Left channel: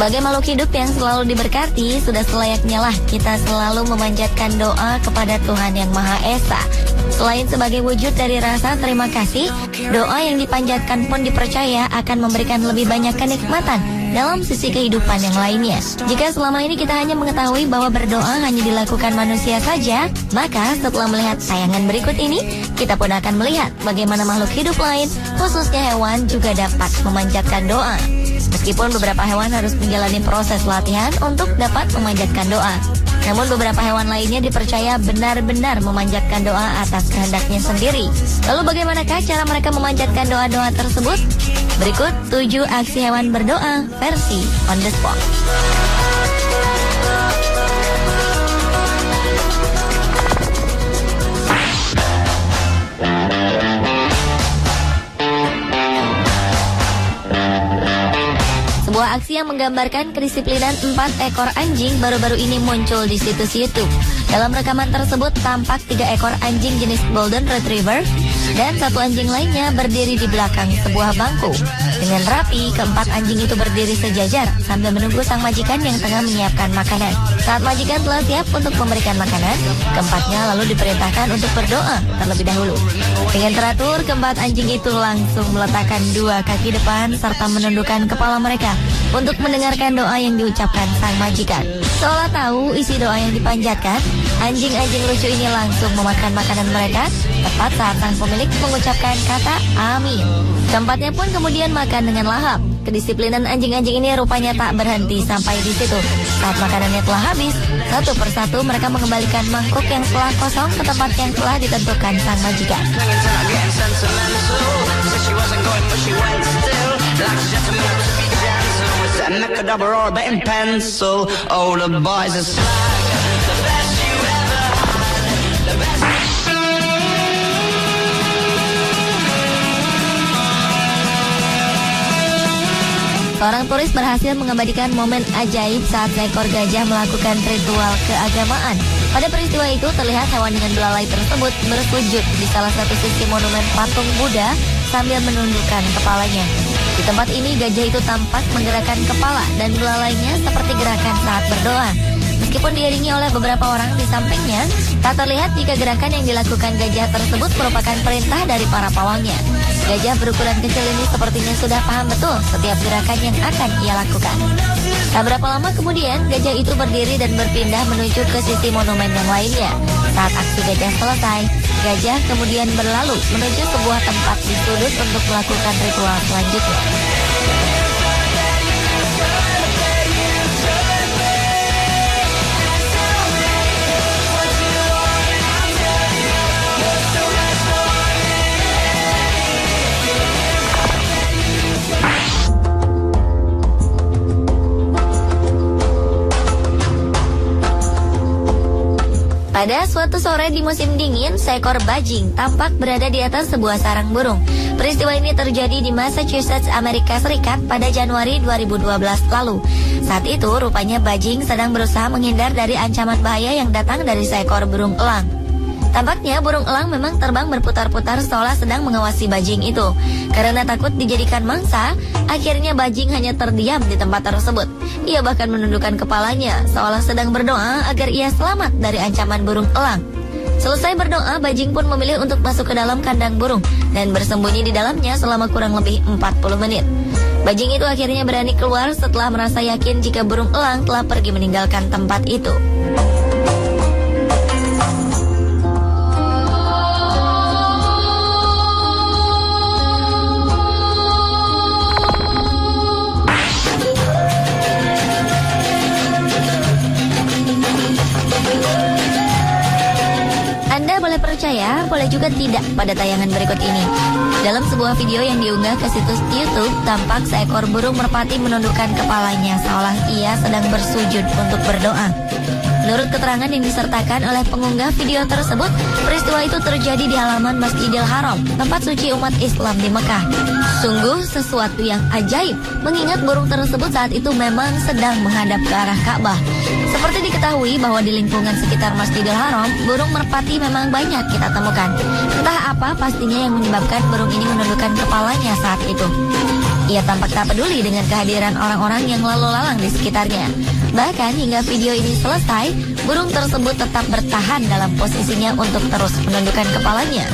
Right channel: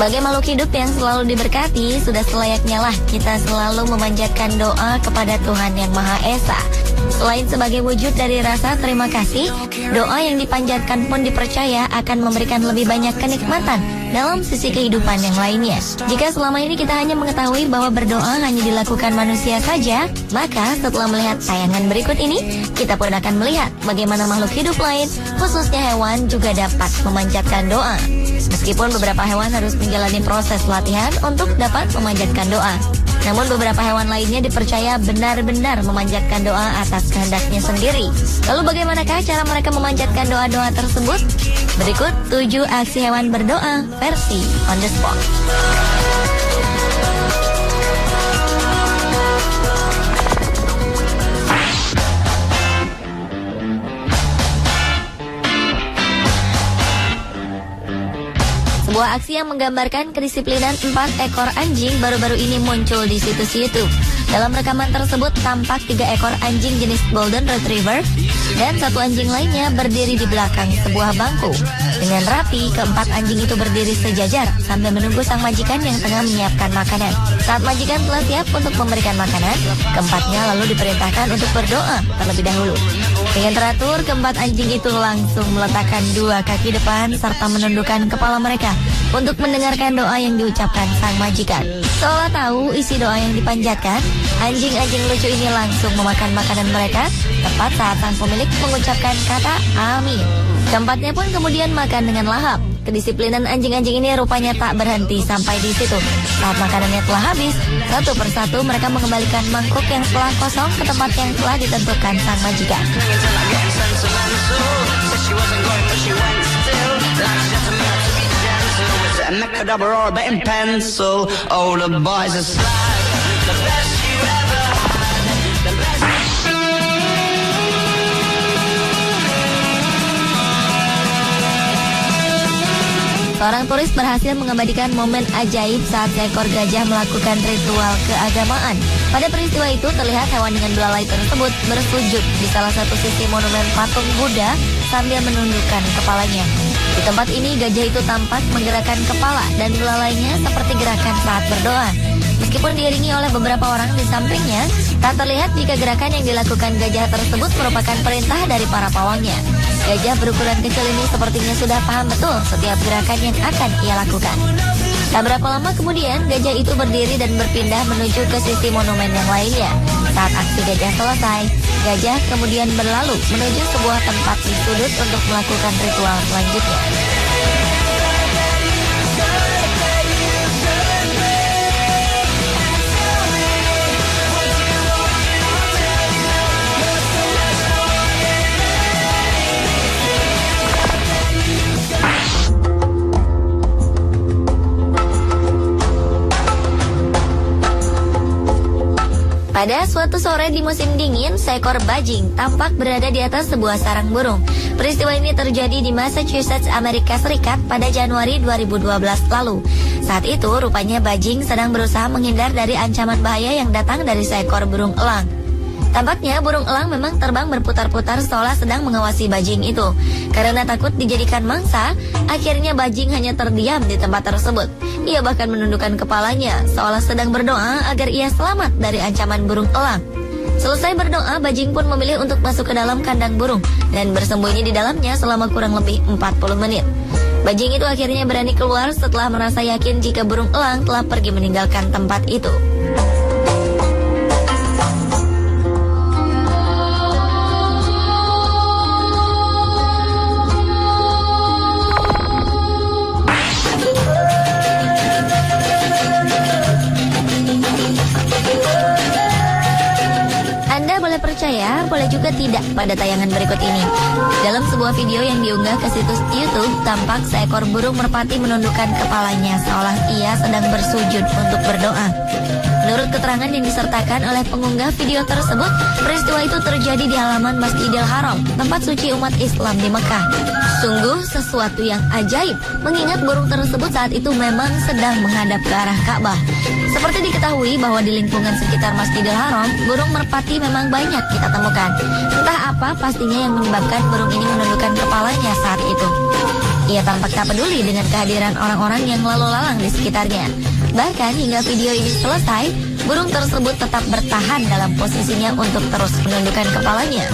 Sebagai makhluk hidup yang selalu diberkati, sudah selayaknya lah kita selalu memanjatkan doa kepada Tuhan Yang Maha Esa. Selain sebagai wujud dari rasa terima kasih, doa yang dipanjatkan pun dipercaya akan memberikan lebih banyak kenikmatan dalam sisi kehidupan yang lainnya. Jika selama ini kita hanya mengetahui bahwa berdoa hanya dilakukan manusia saja, maka setelah melihat tayangan berikut ini, kita pun akan melihat bagaimana makhluk hidup lain, khususnya hewan, juga dapat memanjatkan doa. Meskipun beberapa hewan harus menjalani proses latihan untuk dapat memanjatkan doa, namun beberapa hewan lainnya dipercaya benar-benar memanjatkan doa atas kehendaknya sendiri. Lalu bagaimanakah cara mereka memanjatkan doa-doa tersebut? Berikut 7 aksi hewan berdoa versi on the spot. Sebuah aksi yang menggambarkan kedisiplinan 4 ekor anjing baru-baru ini muncul di situs YouTube. Dalam rekaman tersebut tampak 3 ekor anjing jenis Golden Retriever dan 1 anjing lainnya berdiri di belakang sebuah bangku. Dengan rapi, keempat anjing itu berdiri sejajar sambil menunggu sang majikan yang tengah menyiapkan makanan. Saat majikan telah siap untuk memberikan makanan, keempatnya lalu diperintahkan untuk berdoa terlebih dahulu. Dengan teratur, keempat anjing itu langsung meletakkan 2 kaki depan serta menundukkan kepala mereka untuk mendengarkan doa yang diucapkan sang majikan. Seolah tahu isi doa yang dipanjatkan, anjing-anjing lucu ini langsung memakan makanan mereka tepat saat sang pemilik mengucapkan kata amin. Keempatnya pun kemudian makan dengan lahap. Kedisiplinan anjing-anjing ini rupanya tak berhenti sampai di situ. Saat makanannya telah habis, satu persatu mereka mengembalikan mangkok yang telah kosong ke tempat yang telah ditentukan sang majikan. Seorang turis berhasil mengabadikan momen ajaib saat seekor gajah melakukan ritual keagamaan. Pada peristiwa itu terlihat hewan dengan belalai tersebut bersujud di salah satu sisi monumen patung Buddha sambil menundukkan kepalanya. Di tempat ini gajah itu tampak menggerakkan kepala dan belalainya seperti gerakan saat berdoa. Meskipun diiringi oleh beberapa orang di sampingnya, tak terlihat jika gerakan yang dilakukan gajah tersebut merupakan perintah dari para pawangnya. Gajah berukuran kecil ini sepertinya sudah paham betul setiap gerakan yang akan ia lakukan. Tak berapa lama kemudian, gajah itu berdiri dan berpindah menuju ke sisi monumen yang lainnya. Saat aksi gajah selesai, gajah kemudian berlalu menuju sebuah tempat khusus untuk melakukan ritual selanjutnya. Pada suatu sore di musim dingin, seekor bajing tampak berada di atas sebuah sarang burung. Peristiwa ini terjadi di Massachusetts, Amerika Serikat pada Januari 2012 lalu. Saat itu, rupanya bajing sedang berusaha menghindar dari ancaman bahaya yang datang dari seekor burung elang. Tampaknya burung elang memang terbang berputar-putar seolah sedang mengawasi bajing itu. Karena takut dijadikan mangsa, akhirnya bajing hanya terdiam di tempat tersebut. Ia bahkan menundukkan kepalanya seolah sedang berdoa agar ia selamat dari ancaman burung elang. Selesai berdoa, bajing pun memilih untuk masuk ke dalam kandang burung dan bersembunyi di dalamnya selama kurang lebih 40 menit. Bajing itu akhirnya berani keluar setelah merasa yakin jika burung elang telah pergi meninggalkan tempat itu. Percaya, boleh juga tidak pada tayangan berikut ini. Dalam sebuah video yang diunggah ke situs YouTube, tampak seekor burung merpati menundukkan kepalanya seolah ia sedang bersujud untuk berdoa. Menurut keterangan yang disertakan oleh pengunggah video tersebut, peristiwa itu terjadi di halaman Masjidil Haram, tempat suci umat Islam di Mekah. Sungguh sesuatu yang ajaib, mengingat burung tersebut saat itu memang sedang menghadap ke arah Ka'bah. Seperti diketahui bahwa di lingkungan sekitar Masjidil Haram, burung merpati memang banyak kita temukan. Entah apa pastinya yang menyebabkan burung ini menundukkan kepalanya saat itu. Ia tampak tak peduli dengan kehadiran orang-orang yang lalu lalang di sekitarnya. Bahkan hingga video ini selesai, burung tersebut tetap bertahan dalam posisinya untuk terus menundukkan kepalanya.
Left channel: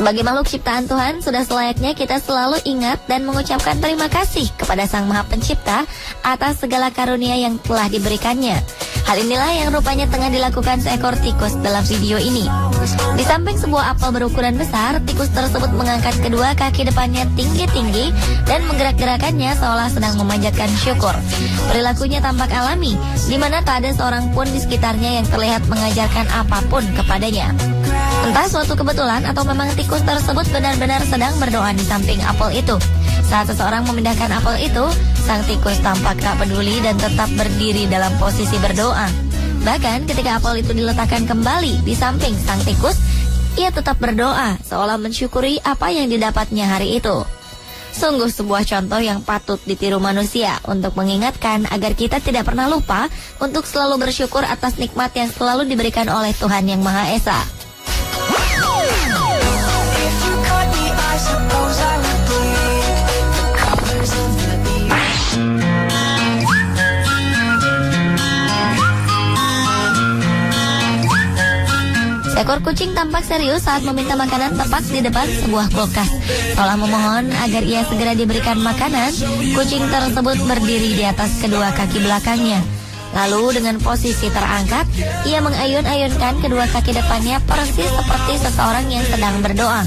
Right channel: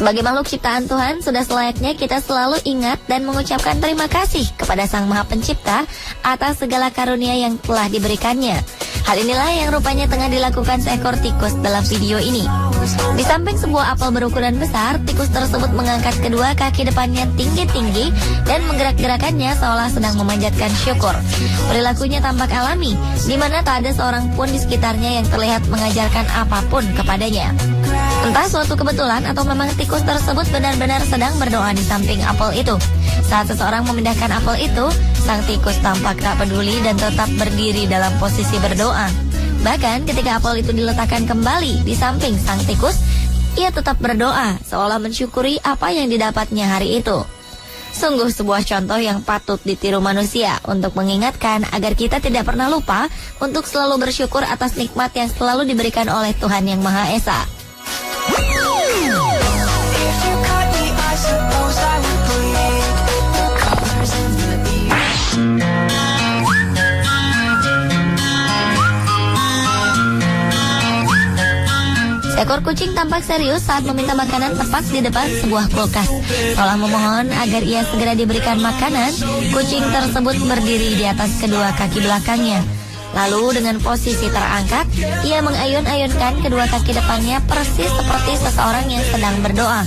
Sebagai makhluk ciptaan Tuhan, sudah selayaknya kita selalu ingat dan mengucapkan terima kasih kepada Sang Maha Pencipta atas segala karunia yang telah diberikannya. Hal inilah yang rupanya tengah dilakukan seekor tikus dalam video ini. Di samping sebuah apel berukuran besar, tikus tersebut mengangkat kedua kaki depannya tinggi-tinggi dan menggerak-gerakannya seolah sedang memanjatkan syukur. Perilakunya tampak alami, di mana tak ada seorang pun di sekitarnya yang terlihat mengajarkan apapun kepadanya. Entah suatu kebetulan atau memang tikus tersebut benar-benar sedang berdoa di samping apel itu. Saat seseorang memindahkan apel itu, sang tikus tampak tak peduli dan tetap berdiri dalam posisi berdoa. Bahkan ketika apel itu diletakkan kembali di samping sang tikus, ia tetap berdoa seolah mensyukuri apa yang didapatnya hari itu. Sungguh sebuah contoh yang patut ditiru manusia untuk mengingatkan agar kita tidak pernah lupa untuk selalu bersyukur atas nikmat yang selalu diberikan oleh Tuhan Yang Maha Esa. Seekor kucing tampak serius saat meminta makanan tepat di depan sebuah kulkas. Setelah memohon agar ia segera diberikan makanan, kucing tersebut berdiri di atas kedua kaki belakangnya. Lalu dengan posisi terangkat, ia mengayun-ayunkan kedua kaki depannya persis seperti seseorang yang sedang berdoa.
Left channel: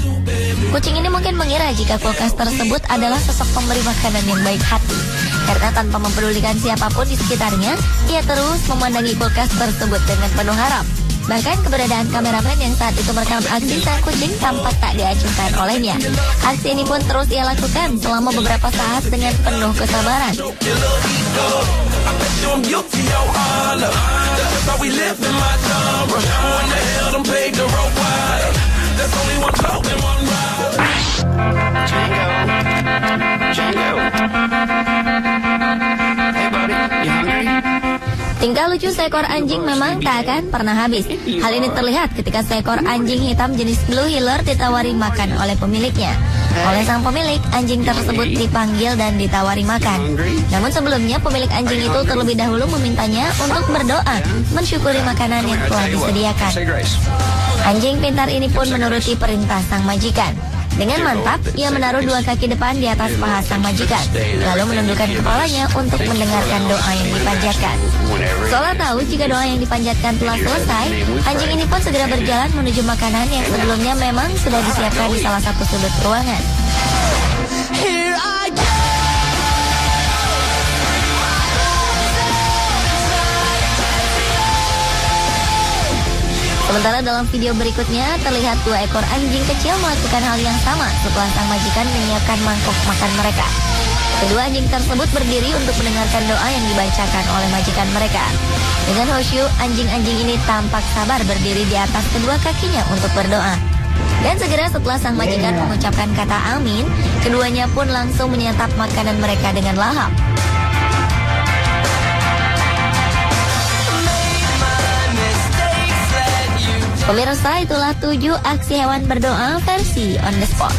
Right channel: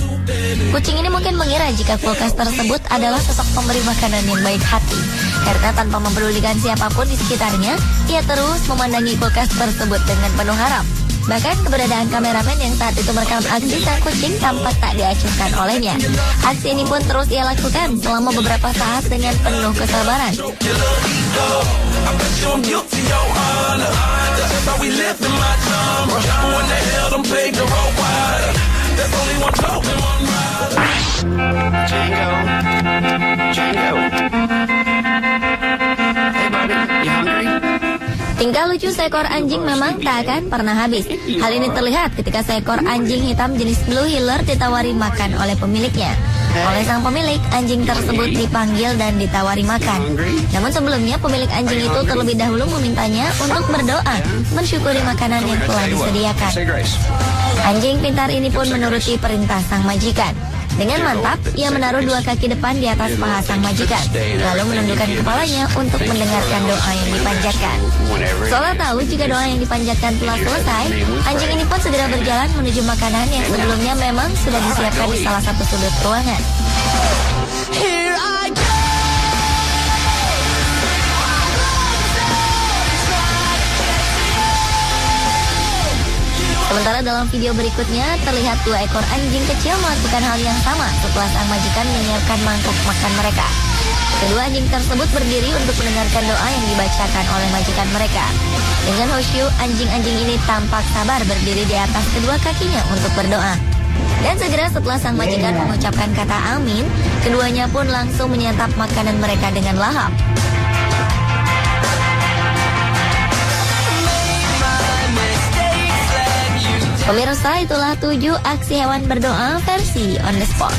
Kucing ini mungkin mengira jika kulkas tersebut adalah sosok pemberi makanan yang baik hati. Karena tanpa mempedulikan siapapun di sekitarnya, ia terus memandangi kulkas tersebut dengan penuh harap. Bahkan keberadaan kameramen yang saat itu merekam aksi sang kucing tampak tak diacuhkan olehnya. Aksi ini pun terus ia lakukan selama beberapa saat dengan penuh kesabaran. Tingkah lucu seekor anjing memang tak akan pernah habis. Hal ini terlihat ketika seekor anjing hitam jenis Blue Heeler ditawari makan oleh pemiliknya. Oleh sang pemilik, anjing tersebut dipanggil dan ditawari makan. Namun sebelumnya pemilik anjing itu terlebih dahulu memintanya untuk berdoa, mensyukuri makanan yang telah disediakan. Anjing pintar ini pun menuruti perintah sang majikan. Dengan mantap, ia menaruh dua kaki depan di atas paha sang majikan, lalu menundukkan kepalanya untuk mendengarkan doa yang dipanjatkan. Seolah tahu jika doa yang dipanjatkan telah selesai, anjing ini pun segera berjalan menuju makanan yang sebelumnya memang sudah disiapkan di salah satu sudut ruangan. Sementara dalam video berikutnya terlihat dua ekor anjing kecil melakukan hal yang sama setelah sang majikan menyiapkan mangkuk makan mereka. Kedua anjing tersebut berdiri untuk mendengarkan doa yang dibacakan oleh majikan mereka. Dengan khusyuk, anjing-anjing ini tampak sabar berdiri di atas kedua kakinya untuk berdoa. Dan segera setelah sang majikan mengucapkan kata amin, keduanya pun langsung menyantap makanan mereka dengan lahap. Pemirsa, itulah 7 aksi hewan berdoa versi on the spot.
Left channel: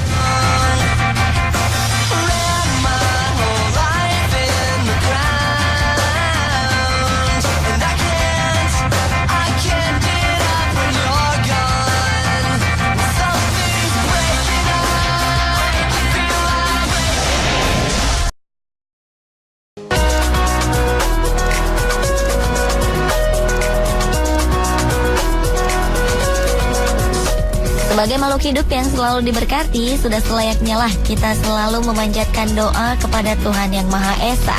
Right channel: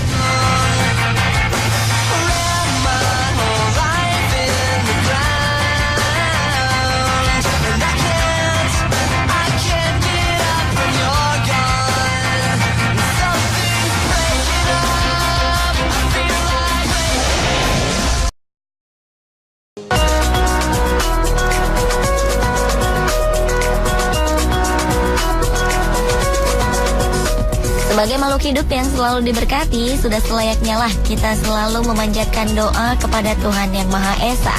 Sebagai makhluk hidup yang selalu diberkati, sudah selayaknya lah kita selalu memanjatkan doa kepada Tuhan Yang Maha Esa.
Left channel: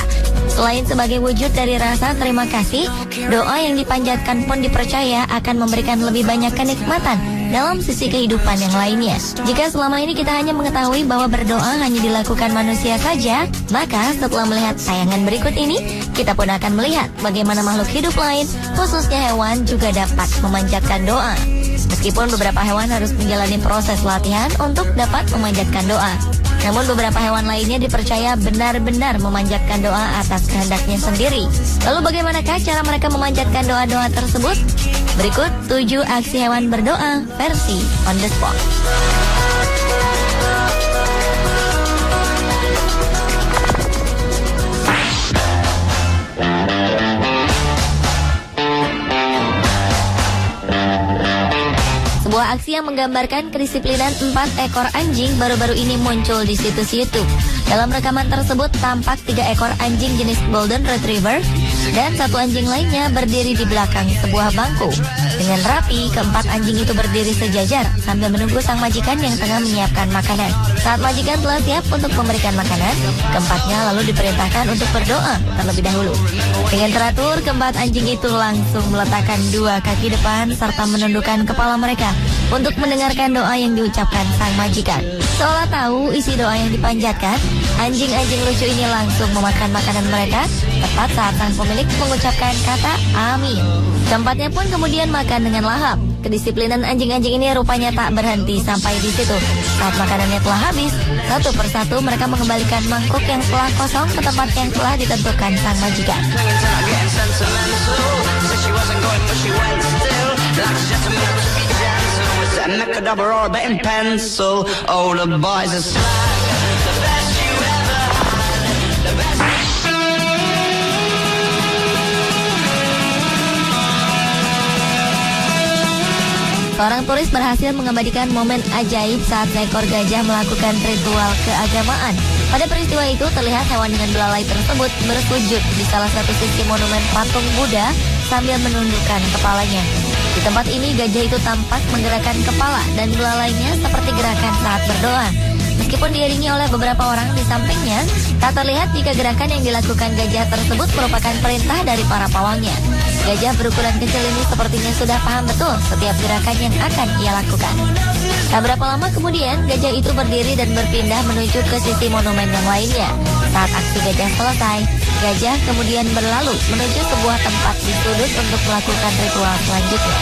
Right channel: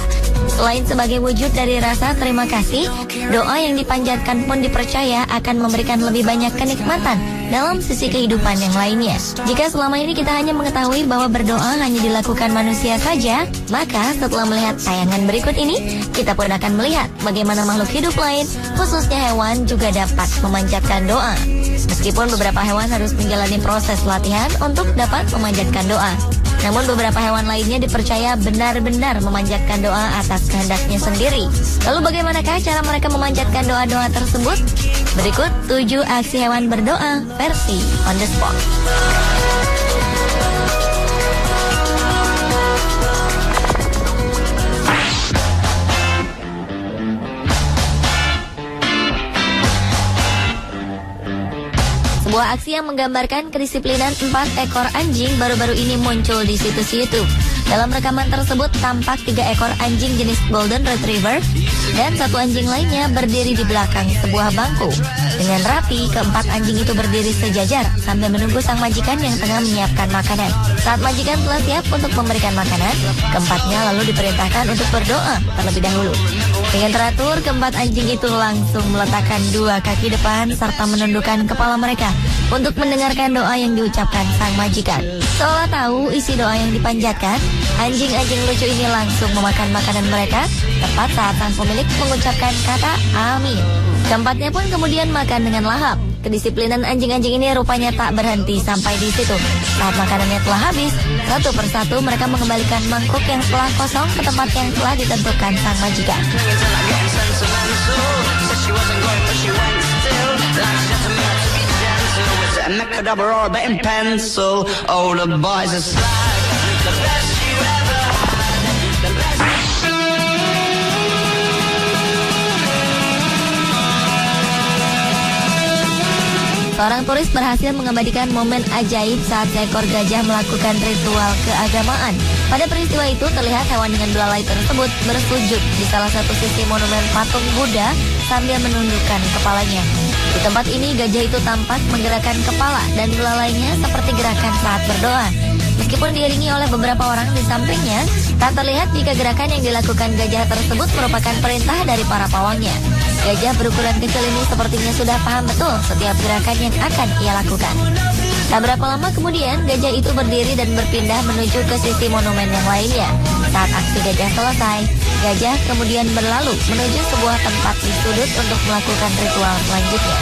Selain sebagai wujud dari rasa terima kasih, doa yang dipanjatkan pun dipercaya akan memberikan lebih banyak kenikmatan dalam sisi kehidupan yang lainnya. Jika selama ini kita hanya mengetahui bahwa berdoa hanya dilakukan manusia saja, maka setelah melihat tayangan berikut ini, kita pun akan melihat bagaimana makhluk hidup lain, khususnya hewan, juga dapat memanjatkan doa. Meskipun beberapa hewan harus menjalani proses latihan untuk dapat memanjatkan doa, namun beberapa hewan lainnya dipercaya benar-benar memanjatkan doa atas kehendaknya sendiri. Lalu bagaimanakah cara mereka memanjatkan doa-doa tersebut? Berikut 7 aksi hewan berdoa versi on the spot. Sebuah aksi yang menggambarkan kedisiplinan 4 ekor anjing baru-baru ini muncul di situs YouTube. Dalam rekaman tersebut tampak 3 ekor anjing jenis Golden Retriever dan 1 anjing lainnya berdiri di belakang sebuah bangku. Dengan rapi, keempat anjing itu berdiri sejajar sambil menunggu sang majikan yang tengah menyiapkan makanan. Saat majikan telah siap untuk memberikan makanan, keempatnya lalu diperintahkan untuk berdoa terlebih dahulu. Dengan teratur, keempat anjing itu langsung meletakkan 2 kaki depan serta menundukkan kepala mereka untuk mendengarkan doa yang diucapkan sang majikan. Seolah tahu isi doa yang dipanjatkan, anjing-anjing lucu ini langsung memakan makanan mereka tepat saat sang pemilik mengucapkan kata amin. Keempatnya pun kemudian makan dengan lahap. Kedisiplinan anjing-anjing ini rupanya tak berhenti sampai di situ. Saat makanannya telah habis, satu persatu mereka mengembalikan mangkok yang telah kosong ke tempat yang telah ditentukan sang majikan. Seorang turis berhasil mengabadikan momen ajaib saat seekor gajah melakukan ritual keagamaan. Pada peristiwa itu terlihat hewan dengan belalai tersebut bersujud di salah satu sisi monumen patung Buddha sambil menundukkan kepalanya. Di tempat ini gajah itu tampak menggerakkan kepala dan belalainya seperti gerakan saat berdoa. Meskipun diiringi oleh beberapa orang di sampingnya, tak terlihat jika gerakan yang dilakukan gajah tersebut merupakan perintah dari para pawangnya. Gajah berukuran kecil ini sepertinya sudah paham betul setiap gerakan yang akan ia lakukan. Tak berapa lama kemudian, gajah itu berdiri dan berpindah menuju ke sisi monumen yang lainnya. Saat aksi gajah selesai, gajah kemudian berlalu menuju sebuah tempat di sudut untuk melakukan ritual selanjutnya.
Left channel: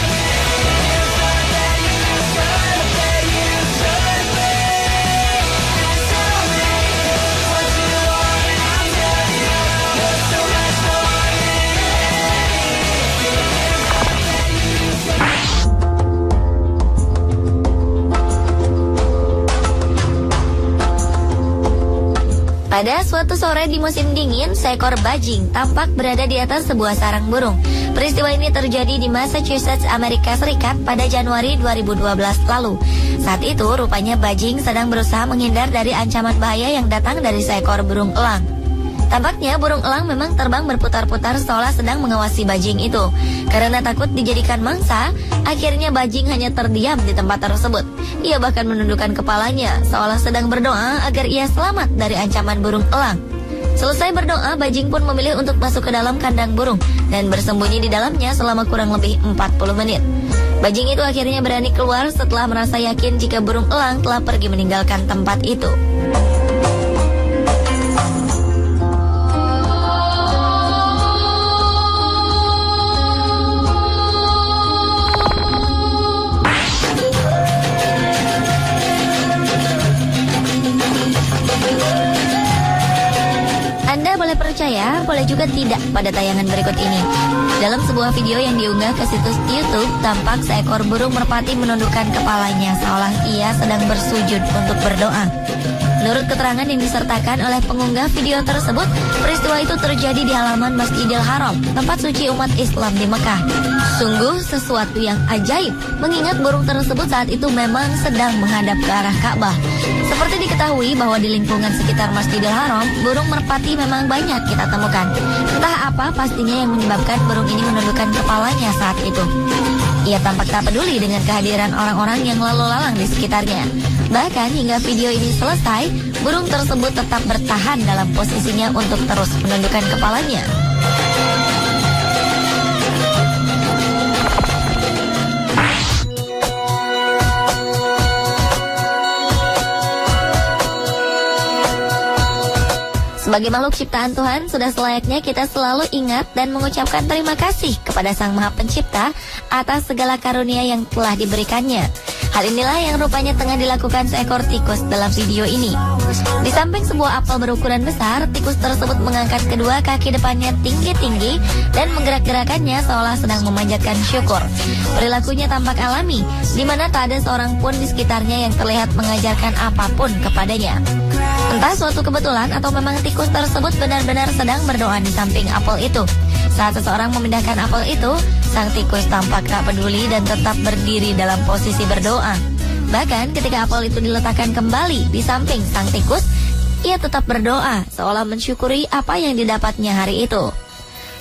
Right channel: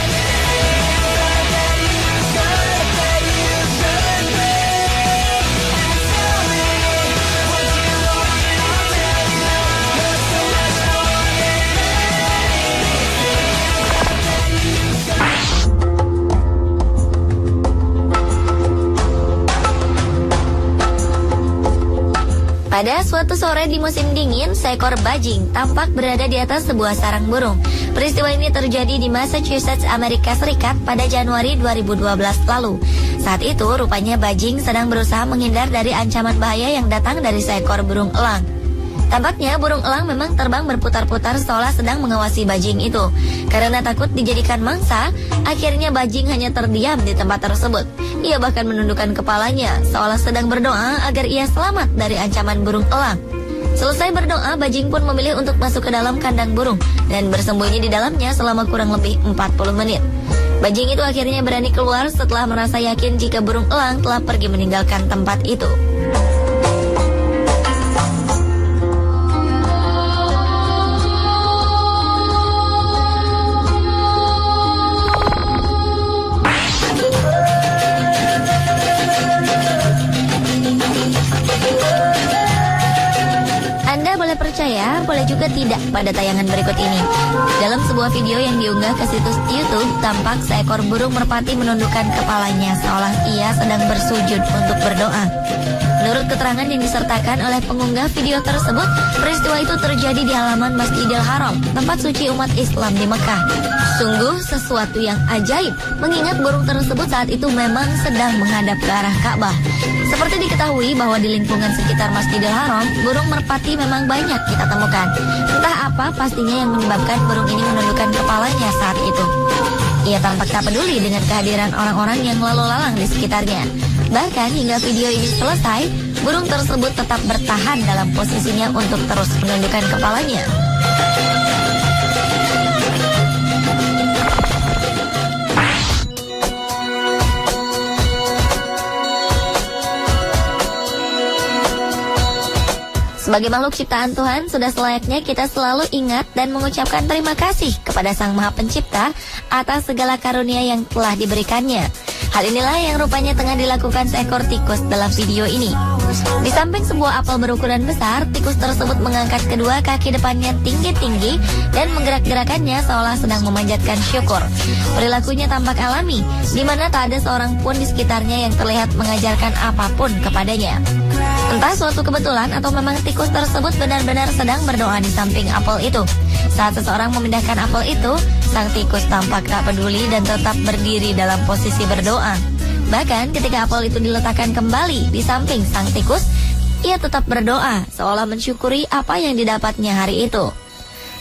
Pada suatu sore di musim dingin, seekor bajing tampak berada di atas sebuah sarang burung. Peristiwa ini terjadi di Massachusetts, Amerika Serikat pada Januari 2012 lalu. Saat itu, rupanya bajing sedang berusaha menghindar dari ancaman bahaya yang datang dari seekor burung elang. Tampaknya burung elang memang terbang berputar-putar seolah sedang mengawasi bajing itu. Karena takut dijadikan mangsa, akhirnya bajing hanya terdiam di tempat tersebut. Ia bahkan menundukkan kepalanya seolah sedang berdoa agar ia selamat dari ancaman burung elang. Selesai berdoa, bajing pun memilih untuk masuk ke dalam kandang burung dan bersembunyi di dalamnya selama kurang lebih 40 menit. Bajing itu akhirnya berani keluar setelah merasa yakin jika burung elang telah pergi meninggalkan tempat itu. Anda boleh percaya, boleh juga tidak pada tayangan berikut ini. Dalam sebuah video yang diunggah ke situs YouTube, tampak seekor burung merpati menundukkan kepalanya seolah ia sedang bersujud untuk berdoa. Menurut keterangan yang disertakan oleh pengunggah video tersebut, peristiwa itu terjadi di halaman Masjidil Haram, tempat suci umat Islam di Mekah. Sungguh sesuatu yang ajaib, mengingat burung tersebut saat itu memang sedang menghadap ke arah Ka'bah. Seperti diketahui bahwa di lingkungan sekitar Masjidil Haram, burung merpati memang banyak kita temukan. Entah apa pastinya yang menyebabkan burung ini menundukkan kepalanya saat itu. Ia tampak tak peduli dengan kehadiran orang-orang yang lalu lalang di sekitarnya. Bahkan hingga video ini selesai, burung tersebut tetap bertahan dalam posisinya untuk terus menundukkan kepalanya. Sebagai makhluk ciptaan Tuhan, sudah selayaknya kita selalu ingat dan mengucapkan terima kasih kepada Sang Maha Pencipta atas segala karunia yang telah diberikannya. Hal inilah yang rupanya tengah dilakukan seekor tikus dalam video ini. Di samping sebuah apel berukuran besar, tikus tersebut mengangkat kedua kaki depannya tinggi-tinggi dan menggerak-gerakannya seolah sedang memanjatkan syukur. Perilakunya tampak alami, di mana tak ada seorang pun di sekitarnya yang terlihat mengajarkan apapun kepadanya. Entah suatu kebetulan atau memang tikus tersebut benar-benar sedang berdoa di samping apel itu. Saat seseorang memindahkan apel itu, sang tikus tampak tak peduli dan tetap berdiri dalam posisi berdoa. Bahkan ketika apel itu diletakkan kembali di samping sang tikus, ia tetap berdoa seolah mensyukuri apa yang didapatnya hari itu.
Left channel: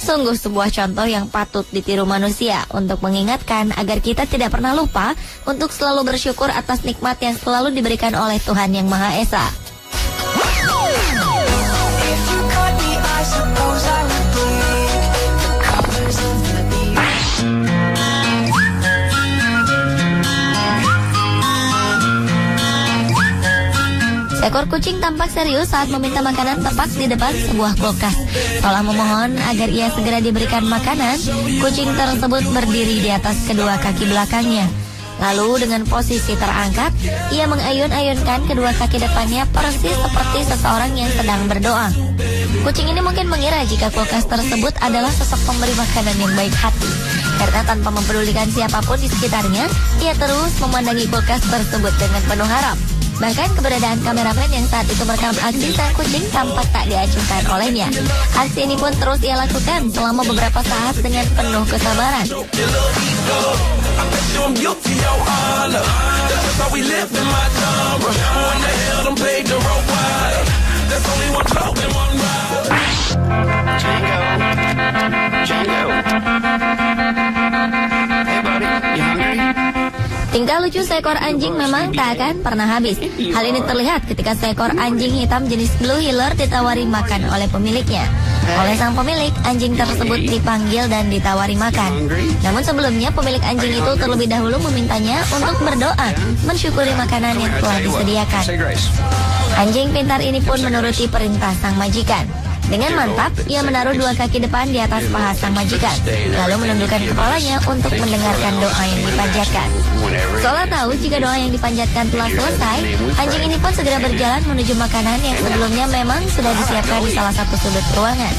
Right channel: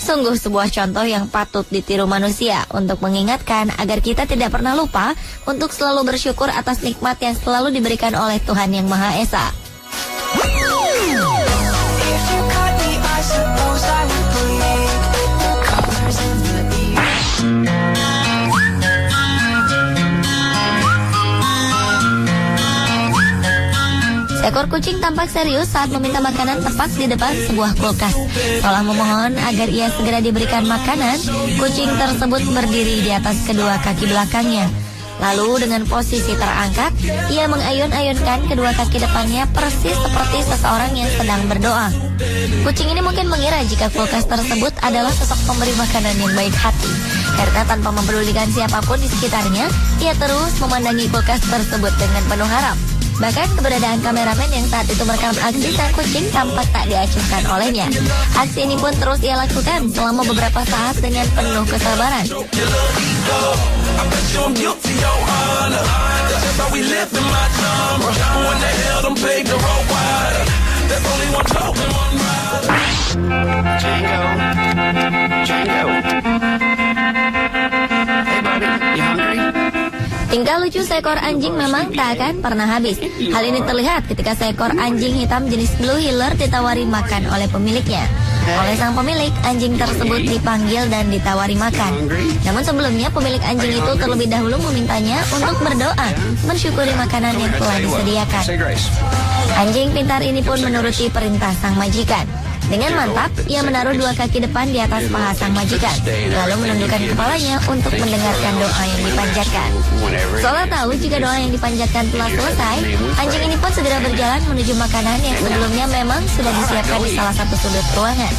Sungguh sebuah contoh yang patut ditiru manusia untuk mengingatkan agar kita tidak pernah lupa untuk selalu bersyukur atas nikmat yang selalu diberikan oleh Tuhan Yang Maha Esa. Seekor kucing tampak serius saat meminta makanan tepat di depan sebuah kulkas. Setelah memohon agar ia segera diberikan makanan, kucing tersebut berdiri di atas kedua kaki belakangnya. Lalu dengan posisi terangkat, ia mengayun-ayunkan kedua kaki depannya persis seperti seseorang yang sedang berdoa. Kucing ini mungkin mengira jika kulkas tersebut adalah sosok pemberi makanan yang baik hati. Karena tanpa mempedulikan siapapun di sekitarnya, ia terus memandangi kulkas tersebut dengan penuh harap. Bahkan keberadaan kameramen yang saat itu merekam aksi sang kucing tampak tak diacuhkan olehnya. Aksi ini pun terus ia lakukan selama beberapa saat dengan penuh kesabaran. Tingkah lucu seekor anjing memang tak akan pernah habis. Hal ini terlihat ketika seekor anjing hitam jenis Blue Heeler ditawari makan oleh pemiliknya. Oleh sang pemilik, anjing tersebut dipanggil dan ditawari makan. Namun sebelumnya pemilik anjing itu terlebih dahulu memintanya untuk berdoa, mensyukuri makanan yang telah disediakan. Anjing pintar ini pun menuruti perintah sang majikan. Dengan mantap, ia menaruh dua kaki depan di atas paha sang majikan, lalu menundukkan kepalanya untuk mendengarkan doa yang dipanjatkan. Seolah tahu jika doa yang dipanjatkan telah selesai, anjing ini pun segera berjalan menuju makanan yang sebelumnya memang sudah disiapkan di salah satu sudut ruangan.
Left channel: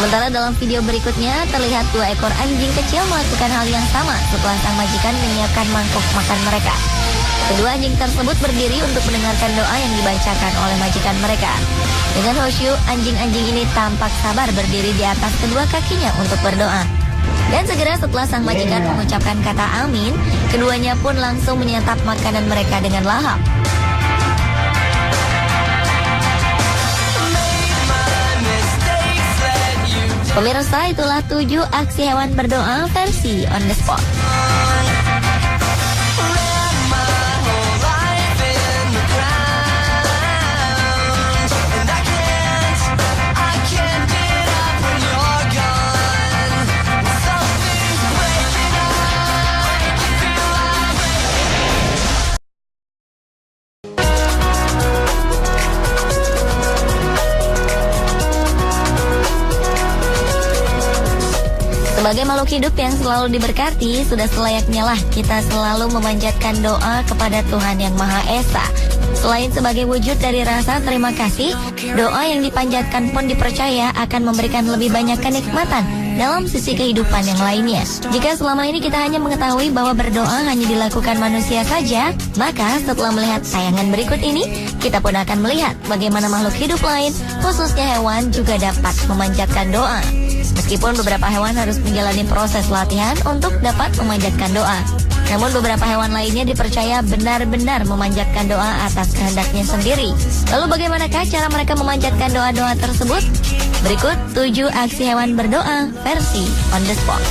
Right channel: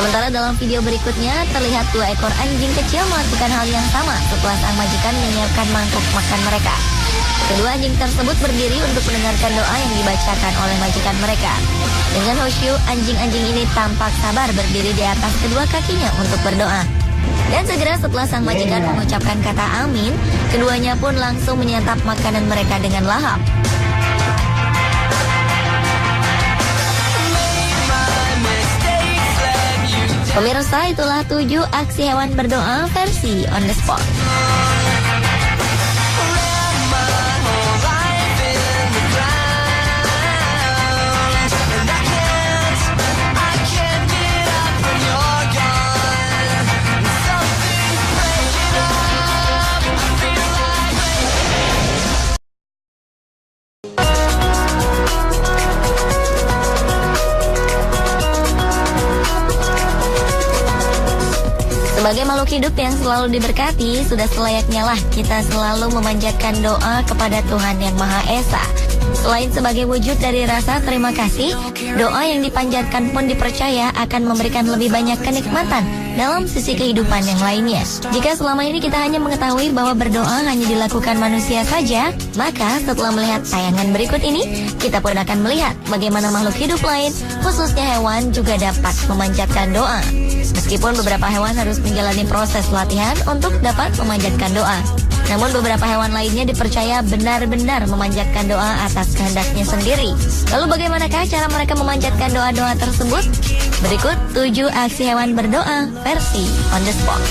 Sementara dalam video berikutnya terlihat dua ekor anjing kecil melakukan hal yang sama setelah sang majikan menyiapkan mangkuk makan mereka. Kedua anjing tersebut berdiri untuk mendengarkan doa yang dibacakan oleh majikan mereka. Dengan khusyuk, anjing-anjing ini tampak sabar berdiri di atas kedua kakinya untuk berdoa. Dan segera setelah sang majikan mengucapkan kata amin, keduanya pun langsung menyantap makanan mereka dengan lahap. Pemirsa, itulah 7 aksi hewan berdoa versi on the spot. Sebagai makhluk hidup yang selalu diberkati, sudah selayaknya lah kita selalu memanjatkan doa kepada Tuhan Yang Maha Esa. Selain sebagai wujud dari rasa terima kasih, doa yang dipanjatkan pun dipercaya akan memberikan lebih banyak kenikmatan dalam sisi kehidupan yang lainnya. Jika selama ini kita hanya mengetahui bahwa berdoa hanya dilakukan manusia saja, maka setelah melihat tayangan berikut ini, kita pun akan melihat bagaimana makhluk hidup lain, khususnya hewan, juga dapat memanjatkan doa. Meskipun beberapa hewan harus menjalani proses latihan untuk dapat memanjatkan doa, namun beberapa hewan lainnya dipercaya benar-benar memanjatkan doa atas kehendaknya sendiri. Lalu bagaimanakah cara mereka memanjatkan doa-doa tersebut? Berikut 7 aksi hewan berdoa versi on the spot.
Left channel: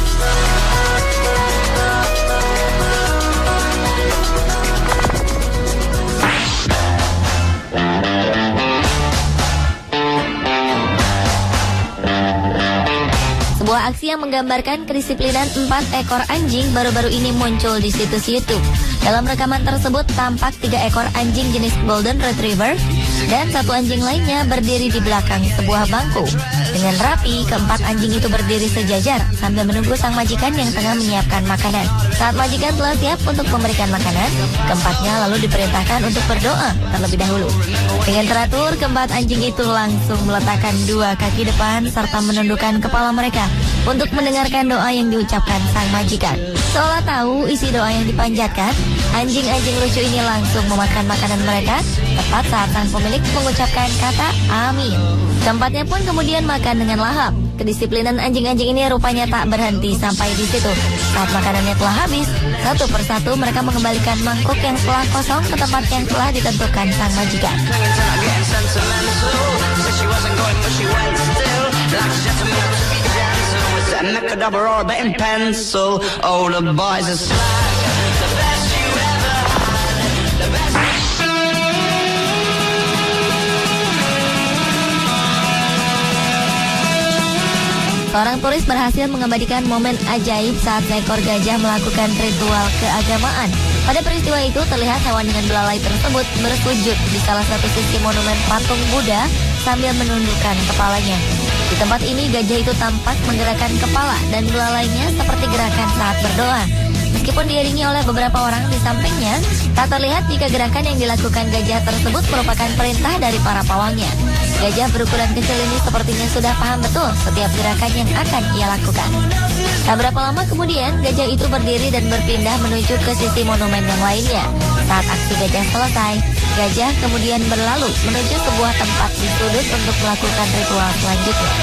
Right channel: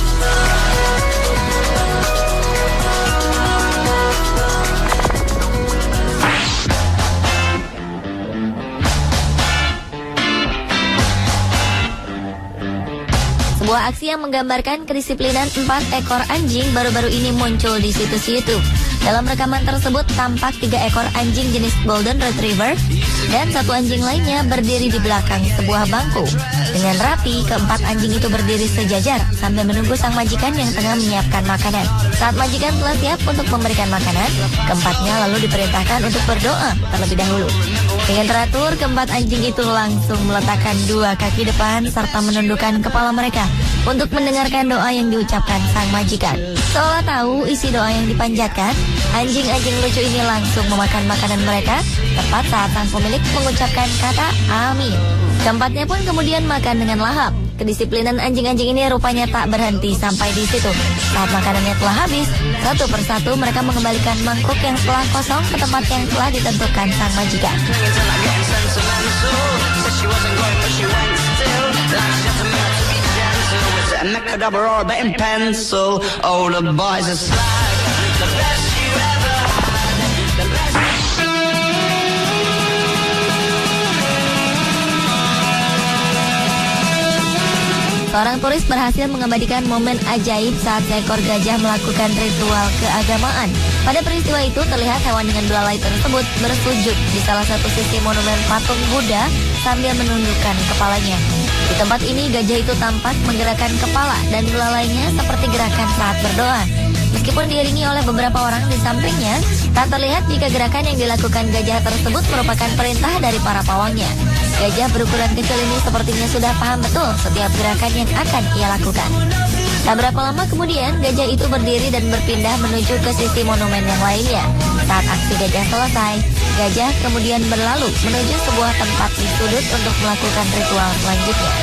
Sebuah aksi yang menggambarkan kedisiplinan 4 ekor anjing baru-baru ini muncul di situs YouTube. Dalam rekaman tersebut tampak 3 ekor anjing jenis Golden Retriever dan 1 anjing lainnya berdiri di belakang sebuah bangku. Dengan rapi, keempat anjing itu berdiri sejajar sambil menunggu sang majikan yang tengah menyiapkan makanan. Saat majikan telah siap untuk memberikan makanan, keempatnya lalu diperintahkan untuk berdoa terlebih dahulu. Dengan teratur, keempat anjing itu langsung meletakkan 2 kaki depan serta menundukkan kepala mereka untuk mendengarkan doa yang diucapkan sang majikan. Seolah tahu isi doa yang dipanjatkan, anjing-anjing lucu ini langsung memakan makanan mereka tepat saat sang pemilik mengucapkan kata amin. Keempatnya pun kemudian makan dengan lahap. Kedisiplinan anjing-anjing ini rupanya tak berhenti sampai di situ. Saat makanannya telah habis, satu persatu mereka mengembalikan mangkok yang telah kosong ke tempat yang telah ditentukan sang majikan. Seorang turis berhasil mengabadikan momen ajaib saat seekor gajah melakukan ritual keagamaan. Pada peristiwa itu terlihat hewan dengan 2 lai tersebut bersujud di salah satu sisi monumen patung Buddha sambil menundukkan kepalanya. Di tempat ini gajah itu tampak menggerakkan kepala dan belalainya seperti gerakan saat berdoa. Meskipun diiringi oleh beberapa orang di sampingnya, tak terlihat jika gerakan yang dilakukan gajah tersebut merupakan perintah dari para pawangnya. Gajah berukuran kecil ini sepertinya sudah paham betul setiap gerakan yang akan ia lakukan. Tak berapa lama kemudian, gajah itu berdiri dan berpindah menuju ke sisi monumen yang lainnya. Saat aksi gajah selesai, gajah kemudian berlalu menuju sebuah tempat di sudut untuk melakukan ritual selanjutnya.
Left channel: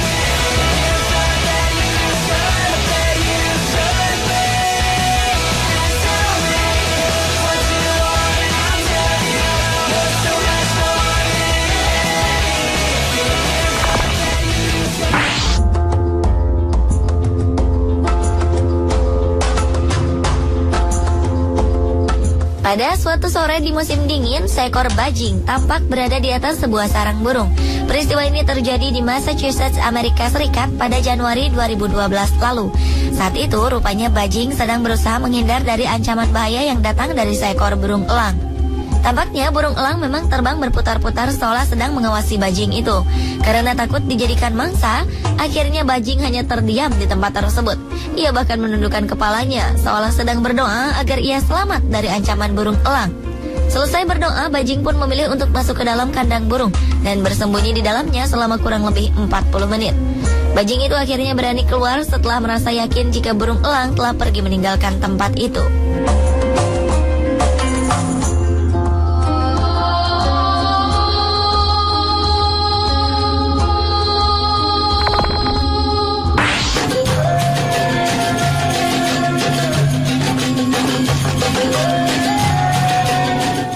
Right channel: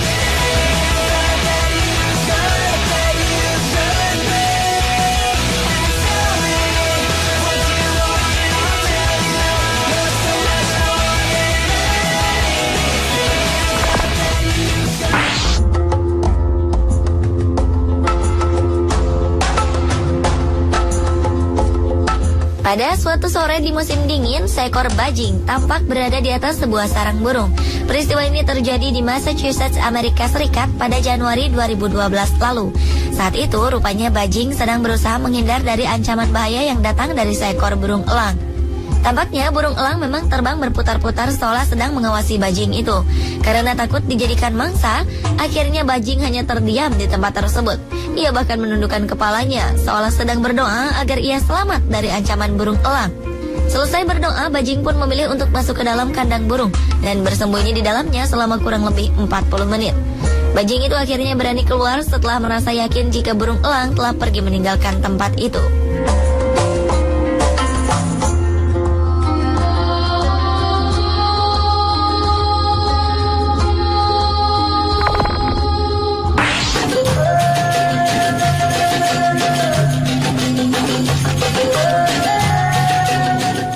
Pada suatu sore di musim dingin, seekor bajing tampak berada di atas sebuah sarang burung. Peristiwa ini terjadi di Massachusetts, Amerika Serikat pada Januari 2012 lalu. Saat itu, rupanya bajing sedang berusaha menghindar dari ancaman bahaya yang datang dari seekor burung elang. Tampaknya burung elang memang terbang berputar-putar seolah sedang mengawasi bajing itu. Karena takut dijadikan mangsa, akhirnya bajing hanya terdiam di tempat tersebut. Ia bahkan menundukkan kepalanya seolah sedang berdoa agar ia selamat dari ancaman burung elang. Selesai berdoa, bajing pun memilih untuk masuk ke dalam kandang burung dan bersembunyi di dalamnya selama kurang lebih 40 menit. Bajing itu akhirnya berani keluar setelah merasa yakin jika burung elang telah pergi meninggalkan tempat itu.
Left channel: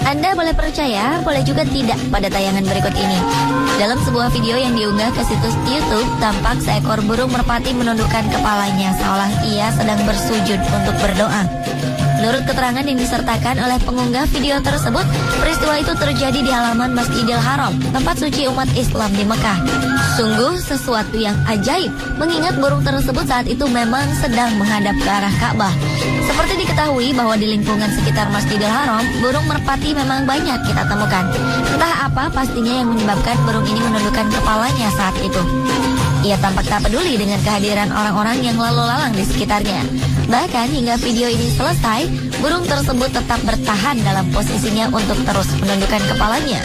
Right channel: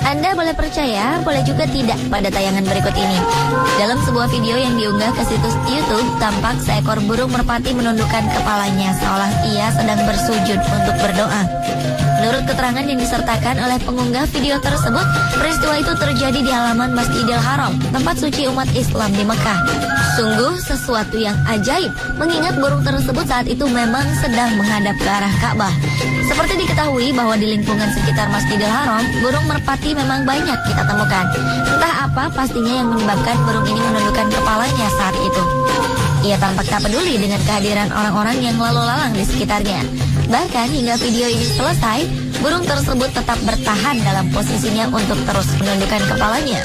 Anda boleh percaya, boleh juga tidak pada tayangan berikut ini. Dalam sebuah video yang diunggah ke situs YouTube, tampak seekor burung merpati menundukkan kepalanya seolah ia sedang bersujud untuk berdoa. Menurut keterangan yang disertakan oleh pengunggah video tersebut, peristiwa itu terjadi di halaman Masjidil Haram, tempat suci umat Islam di Mekah. Sungguh sesuatu yang ajaib, mengingat burung tersebut saat itu memang sedang menghadap ke arah Ka'bah. Seperti diketahui bahwa di lingkungan sekitar Masjidil Haram, burung merpati memang banyak kita temukan. Entah apa pastinya yang menyebabkan burung ini menundukkan kepalanya saat itu. Ia tampak tak peduli dengan kehadiran orang-orang yang lalu lalang di sekitarnya. Bahkan hingga video ini selesai, burung tersebut tetap bertahan dalam posisinya untuk terus menundukkan kepalanya.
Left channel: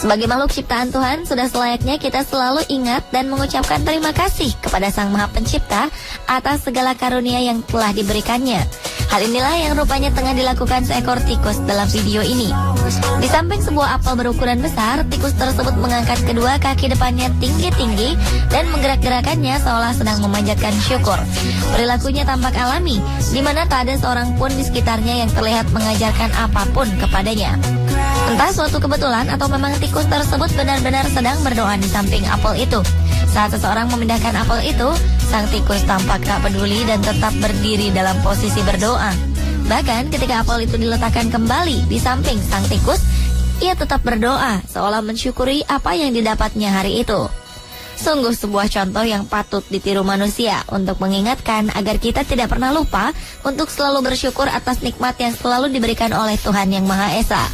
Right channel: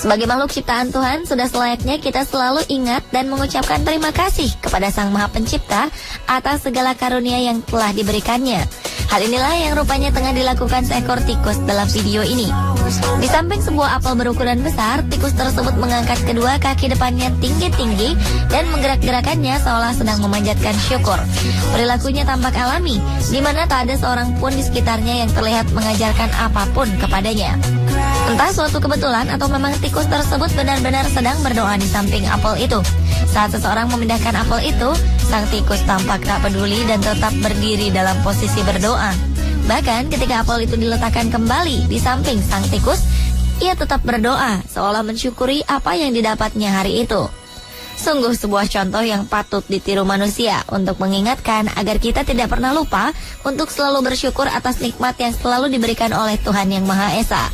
Sebagai makhluk ciptaan Tuhan, sudah selayaknya kita selalu ingat dan mengucapkan terima kasih kepada Sang Maha Pencipta atas segala karunia yang telah diberikannya. Hal inilah yang rupanya tengah dilakukan seekor tikus dalam video ini. Di samping sebuah apel berukuran besar, tikus tersebut mengangkat kedua kaki depannya tinggi-tinggi dan menggerak-gerakannya seolah sedang memanjatkan syukur. Perilakunya tampak alami, di mana tak ada seorang pun di sekitarnya yang terlihat mengajarkan apapun kepadanya. Entah suatu kebetulan atau memang tikus tersebut benar-benar sedang berdoa di samping apel itu. Saat seseorang memindahkan apel itu, sang tikus tampak tak peduli dan tetap berdiri dalam posisi berdoa. Bahkan ketika apel itu diletakkan kembali di samping sang tikus, ia tetap berdoa seolah mensyukuri apa yang didapatnya hari itu. Sungguh sebuah contoh yang patut ditiru manusia untuk mengingatkan agar kita tidak pernah lupa untuk selalu bersyukur atas nikmat yang selalu diberikan oleh Tuhan Yang Maha Esa.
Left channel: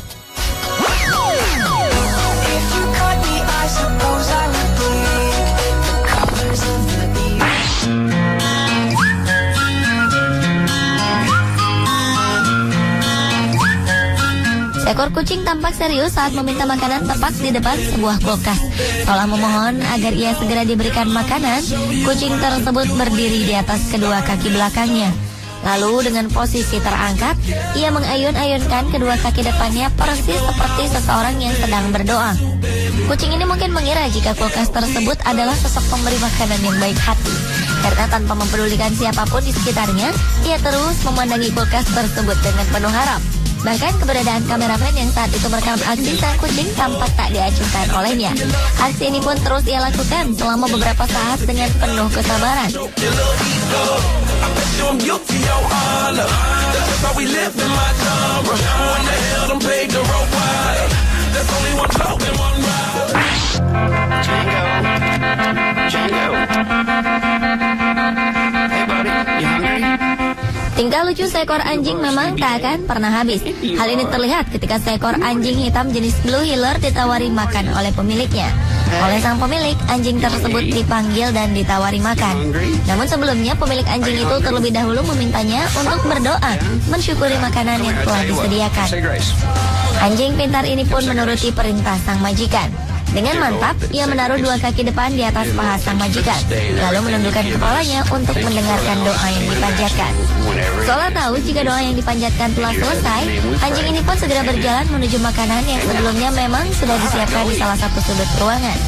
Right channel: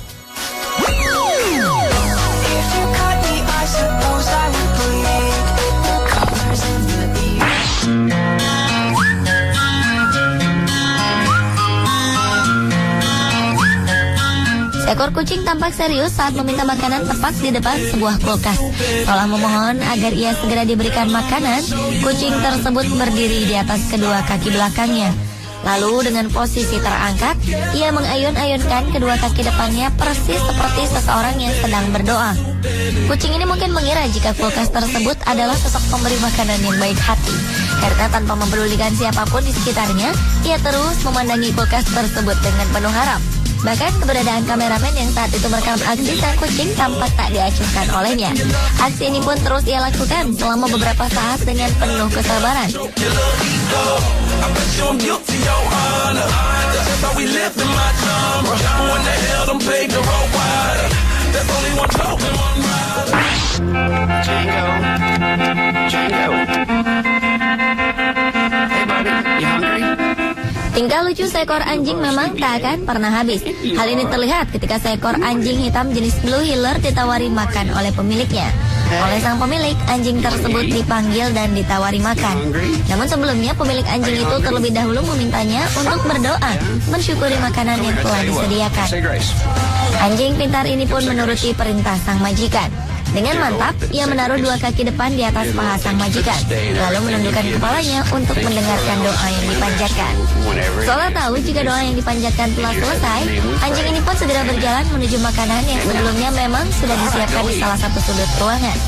Seekor kucing tampak serius saat meminta makanan tepat di depan sebuah kulkas. Setelah memohon agar ia segera diberikan makanan, kucing tersebut berdiri di atas kedua kaki belakangnya. Lalu dengan posisi terangkat, ia mengayun-ayunkan kedua kaki depannya persis seperti seseorang yang sedang berdoa. Kucing ini mungkin mengira jika kulkas tersebut adalah sosok pemberi makanan yang baik hati. Karena tanpa mempedulikan siapapun di sekitarnya, ia terus memandangi kulkas tersebut dengan penuh harap. Bahkan keberadaan kameramen yang saat itu merekam aksi sang kucing tampak tak diacuhkan olehnya. Aksi ini pun terus ia lakukan selama beberapa saat dengan penuh kesabaran. Tingkah lucu seekor anjing memang tak akan pernah habis. Hal ini terlihat ketika seekor anjing hitam jenis Blue Heeler ditawari makan oleh pemiliknya. Oleh sang pemilik, anjing tersebut dipanggil dan ditawari makan. Namun sebelumnya pemilik anjing itu terlebih dahulu memintanya untuk berdoa, mensyukuri makanan yang telah disediakan. Anjing pintar ini pun menuruti perintah sang majikan. Dengan mantap, ia menaruh dua kaki depan di atas paha sang majikan, lalu menundukkan kepalanya untuk mendengarkan doa yang dipanjatkan. Seolah tahu jika doa yang dipanjatkan telah selesai, anjing ini pun segera berjalan menuju makanan yang sebelumnya memang sudah disiapkan di salah satu sudut ruangan.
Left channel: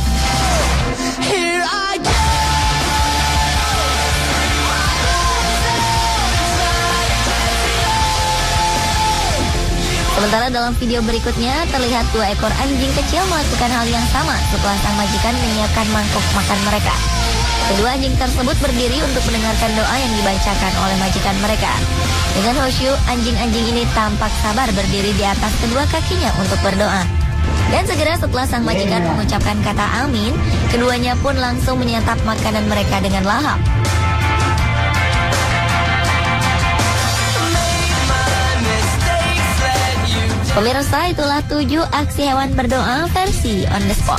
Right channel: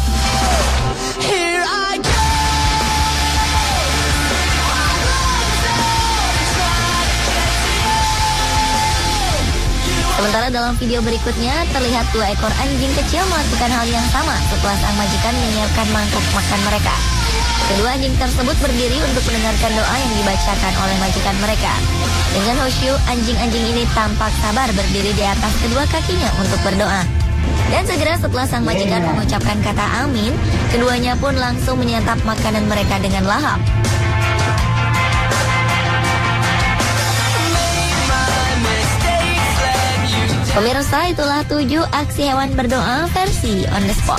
Sementara dalam video berikutnya terlihat dua ekor anjing kecil melakukan hal yang sama setelah sang majikan menyiapkan mangkuk makan mereka. Kedua anjing tersebut berdiri untuk mendengarkan doa yang dibacakan oleh majikan mereka. Dengan khusyuk, anjing-anjing ini tampak sabar berdiri di atas kedua kakinya untuk berdoa. Dan segera setelah sang majikan mengucapkan kata amin, keduanya pun langsung menyantap makanan mereka dengan lahap. Pemirsa, itulah 7 aksi hewan berdoa versi on the spot.